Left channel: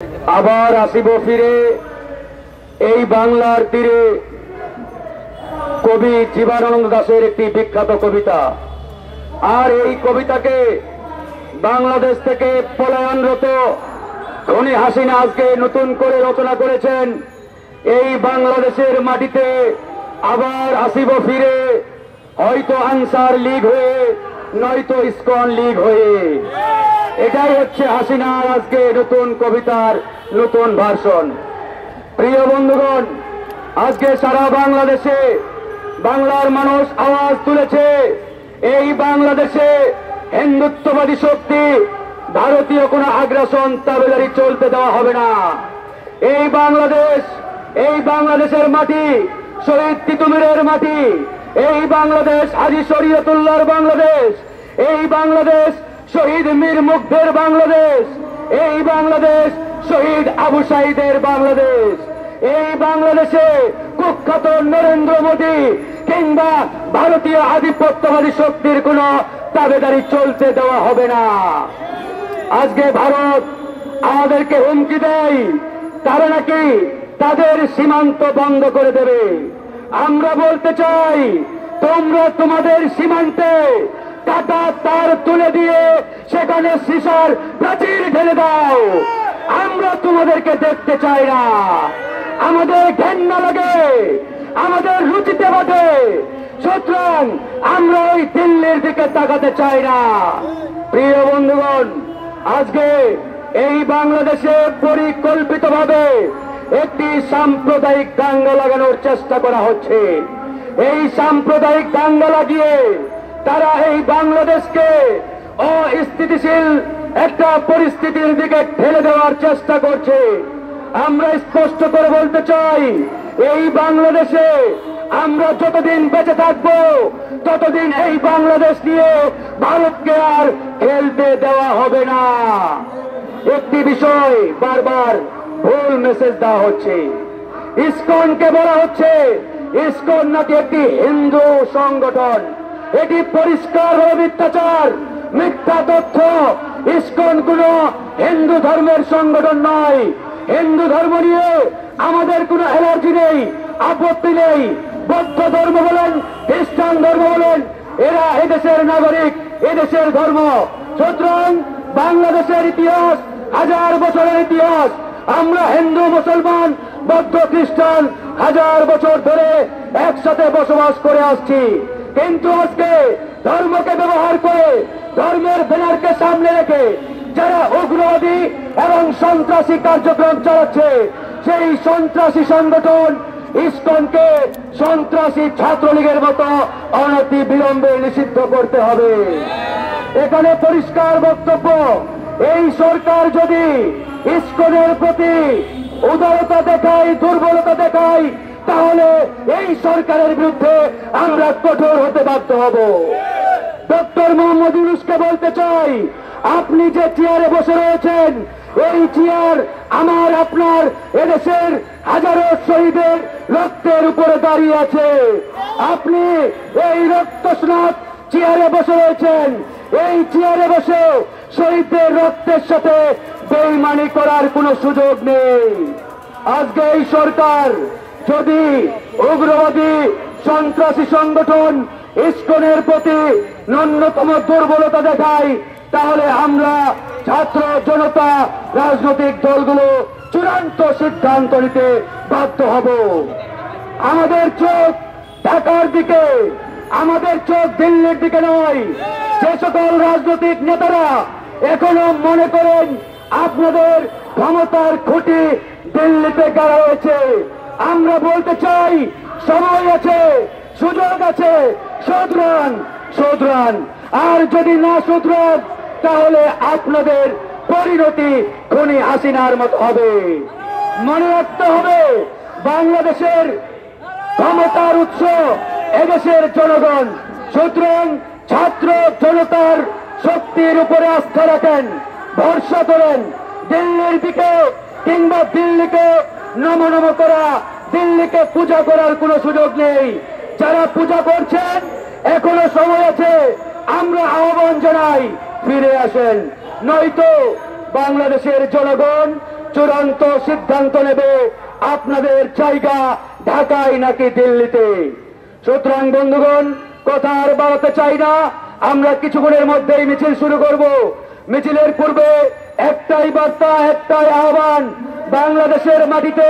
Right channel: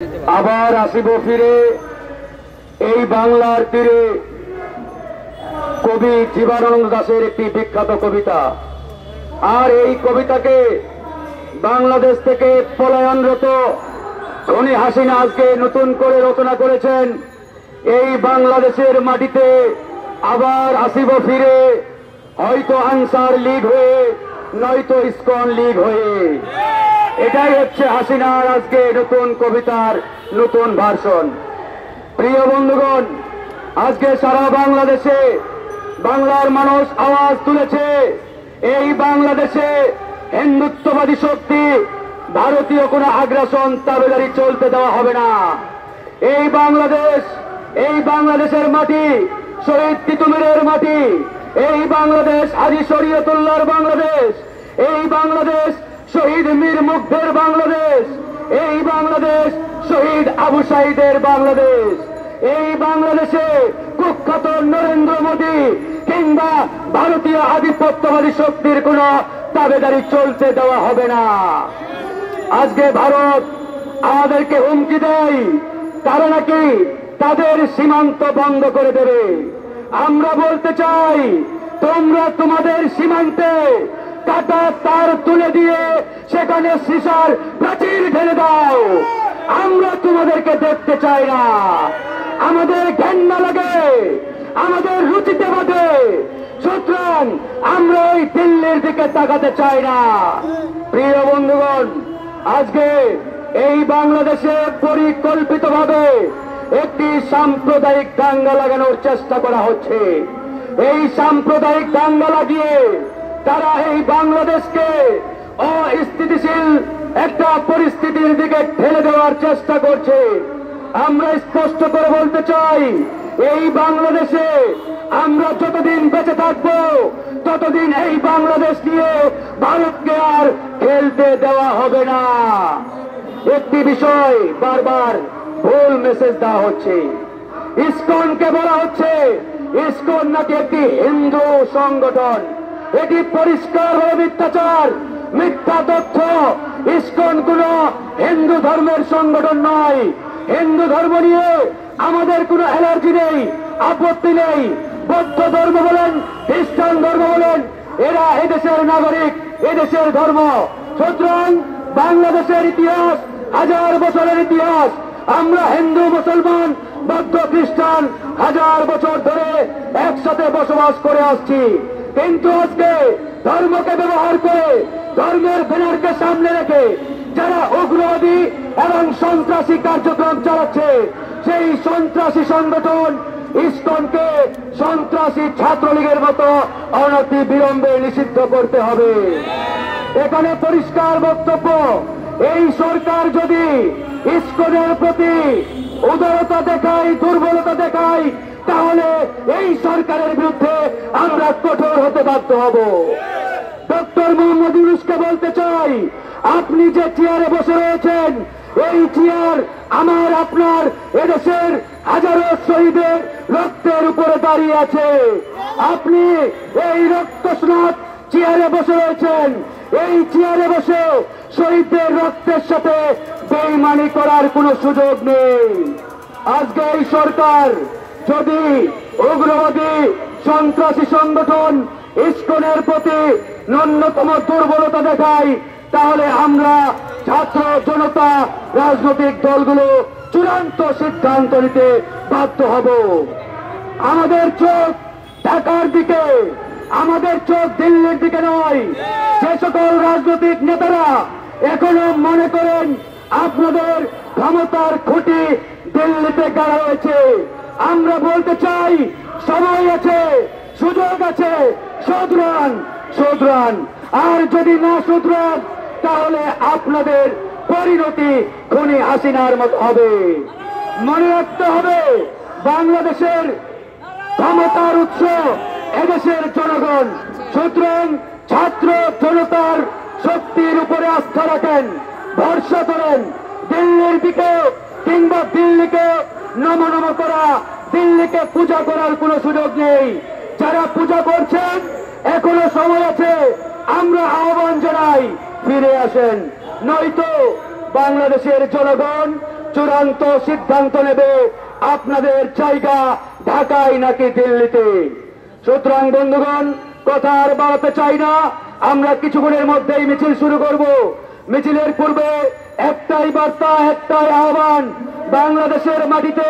আবার আসিব ফিরে এই বাংলার তীরে কবি জীবনানন্দ দাশের একটি বিখ্যাত কবিতা। আর এই কবিতাকে বাংলাদেশ থেকে পলায়নরত ধনী হাসিনা আজকে নতুন করে রচনা করেছেন। এই বাংলাদেশের মাটিতে আবার আসিব ফিরে, হয়তো আনসার লীগ হয়ে নয়তো ইসকন লীগ হয়ে। এটাই হচ্ছে হাসিনার আজকে নতুন কবিতার নতুন ভার্সন। প্রিয় বন্ধুগণ, আজকে সারা বাংলাদেশে বাংলার মানুষ আওয়াজ তুলেছে, এই বাংলাদেশে হিন্দুত্ববাদী শক্তি ভারতীয় কোন আগ্রাসন তাবেদারি চলতে দেওয়া হবে না। এই বাংলাদেশের মাটি শহীদ তিতুমিরের মাটি, এই বাংলাদেশ হাজী শরীয়তুল্লাহর বাংলাদেশ, এই বাংলাদেশ শহীদ মীর মুগ্ধের বাংলাদেশ, এই বাংলাদেশ শহীদ আবু সাঈদের বাংলাদেশ। এই বাংলাদেশে কুখ্যাত নরেন্দ্র মোদী কিংবা ভারতীয় আধিপত্যবাদী শক্তির কোন তাবেদারি চলতে দেওয়া হবে না। আজকে ভারত আমাদেরকে হুমকি দেয়, তারা নাকি তাদের সীমান্ত বন্ধ করে দেবে। আমরা বলতে চাই, তোমরা তোমাদের সীমান্তে কাটা তার তুলে দিয়ে সেখানে সীসার প্রাচীর ঢেলে দাও। আমরা তোমাদেরকে দেখতে চাই না, আমাদের ঘেন্না লাগে, আমাদের রুচিতে বাঁধে। সুতরাং আমরা ওই দিল্লির দিকে তাকাতে চাই না। প্রিয় বন্ধুগণ, আজকে এই বাংলাদেশে পরিকল্পিতভাবে একটি সাম্প্রদায়িক দাঙ্গা লাগানোর চেষ্টা করা হচ্ছে। এই সাম্প্রদায়িক দাঙ্গা লাগিয়ে তারা এই বাংলাদেশকে অস্থিতিশীল একটা পরিস্থিতির দিকে ঠেলে দেওয়ার চেষ্টা করছে। আমরা স্পষ্ট করে বলতে চাই, এই বাংলাদেশে আমরা যতদিন বেঁচে থাকবো ততদিন এই বাংলাদেশ নিয়ে ভারতকে আর খেলতে দেওয়া হবে না। একটি বিষয় বারবার ভুল মেসেজ দেওয়া হচ্ছে। ইসকনকে বলা হচ্ছে ইসকন নাকি একটি হিন্দু সংগঠন। এটি পরিষ্কার মিথ্যাচার, মিথ্যা তথ্য। ইসকন কোন হিন্দু ধর্মের সংগঠন নয়। হিন্দু ধর্ম নিয়ে আমাদের কোনো অ্যালার্জি নেই, আপত্তি নেই। বৌদ্ধ ধর্ম বলেন, খ্রিস্টান ধর্ম বলেন, এরা এদেশের নাগরিক, এদেশের ধর্ম। সুতরাং বাংলাদেশের ইতিহাস হাজার বছরের ইতিহাস। আমরা হিন্দু, মুসলমান, বৌদ্ধ, খ্রিস্টান হাজার বছর ধরে একসাথে বসবাস করে আসছি। কিন্তু আজকে ধর্মকে ব্যবহার করে, ধর্মের ব্যানারকে সামনে রেখে যারা উগ্রবাদী এবং সন্ত্রাসী কার্যক্রম চালাচ্ছে, সেই সন্ত্রাসী সংগঠন ইসকনকে সন্ত্রাসী ছাত্রলীগের মতো অনতি বিলম্বে নিষিদ্ধ করতে হবে। এখানে পরিষ্কার বক্তব্য, এই সরকার যদি ইসকনের প্রতি উদারতা দেখায়, দুর্বলতা দেখায়, তাহলে এই সরকারের বিরুদ্ধে আমরা কঠোর হতে বাধ্য হব। ডক্টর মোহাম্মদ ইউনূসকে বলতে চাই, আপনি যে চেয়ারে বসে রয়েছেন, এই চেয়ার আমার আপনার এদেশের হাজারো শহীদের রক্তের উপরে দাঁড়িয়ে আছে। আপনি এই রক্তস্নাত চেয়ারে বসে রয়েছেন, এই চেয়ারে বসে শহীদদের রক্তের সাথে বেইমানি করার কোনো সুযোগ নেই। আজকে এই সরকার যদি উগ্রবাদী সন্ত্রাসী সংগঠন ইসকনের প্রতি ন্যূনতম দুর্বলতা দেখায়, তাহলে আমরা ছাত্র জনতা রাজনৈতিক দলগুলো চূড়ান্ত সিদ্ধান্ত নিতে বাধ্য হব। আমাদের চোখ ঢাকার দিকে, আমাদের চোখ দিল্লির দিকে নয়। যে সকল রাজনৈতিক নেতারা এখনো মনে করেন আপনাদের ক্ষমতার খুঁটি দিল্লিতে গাড়া হয়েছে, আমরা বলতে চাই সময় আছে, সুযোগ আছে, শুধরান। আর যদি না শুধরান, তাহলে আপনাদের পরিণতি খুনি হাসিনার মতো হবে। মনে রাখতে হবে, বাংলাদেশের ক্ষমতার উৎস এদেশের জনগণ। সুতরাং ছাত্র জনতার শক্তির উপরে আস্থা রাখেন, ভরসা করেন। দিল্লির দিকে কিংবা দিল্লিকে নম করা, দিল্লিকে পূজা করার কোনো সুযোগ নেই। যারা পূজা করছেন এখনো সময় আছে, আমরা আহ্বান জানাই ফিরে আসেন, নয়তো বাংলাদেশের জনগণ চূড়ান্ত সিদ্ধান্ত নেবে আপনাদের জায়গা ঢাকায় নাকি দিল্লিতে। সুতরাং বন্ধুগণ, কথা আর বাড়াতে চাই না, আমরা কিছুক্ষণের মধ্যেই মিছিল শুরু করব। মিছিলের পূর্বে একটাই বার্তা, একটাই আহ্বান, বাংলাদেশের মাটিতে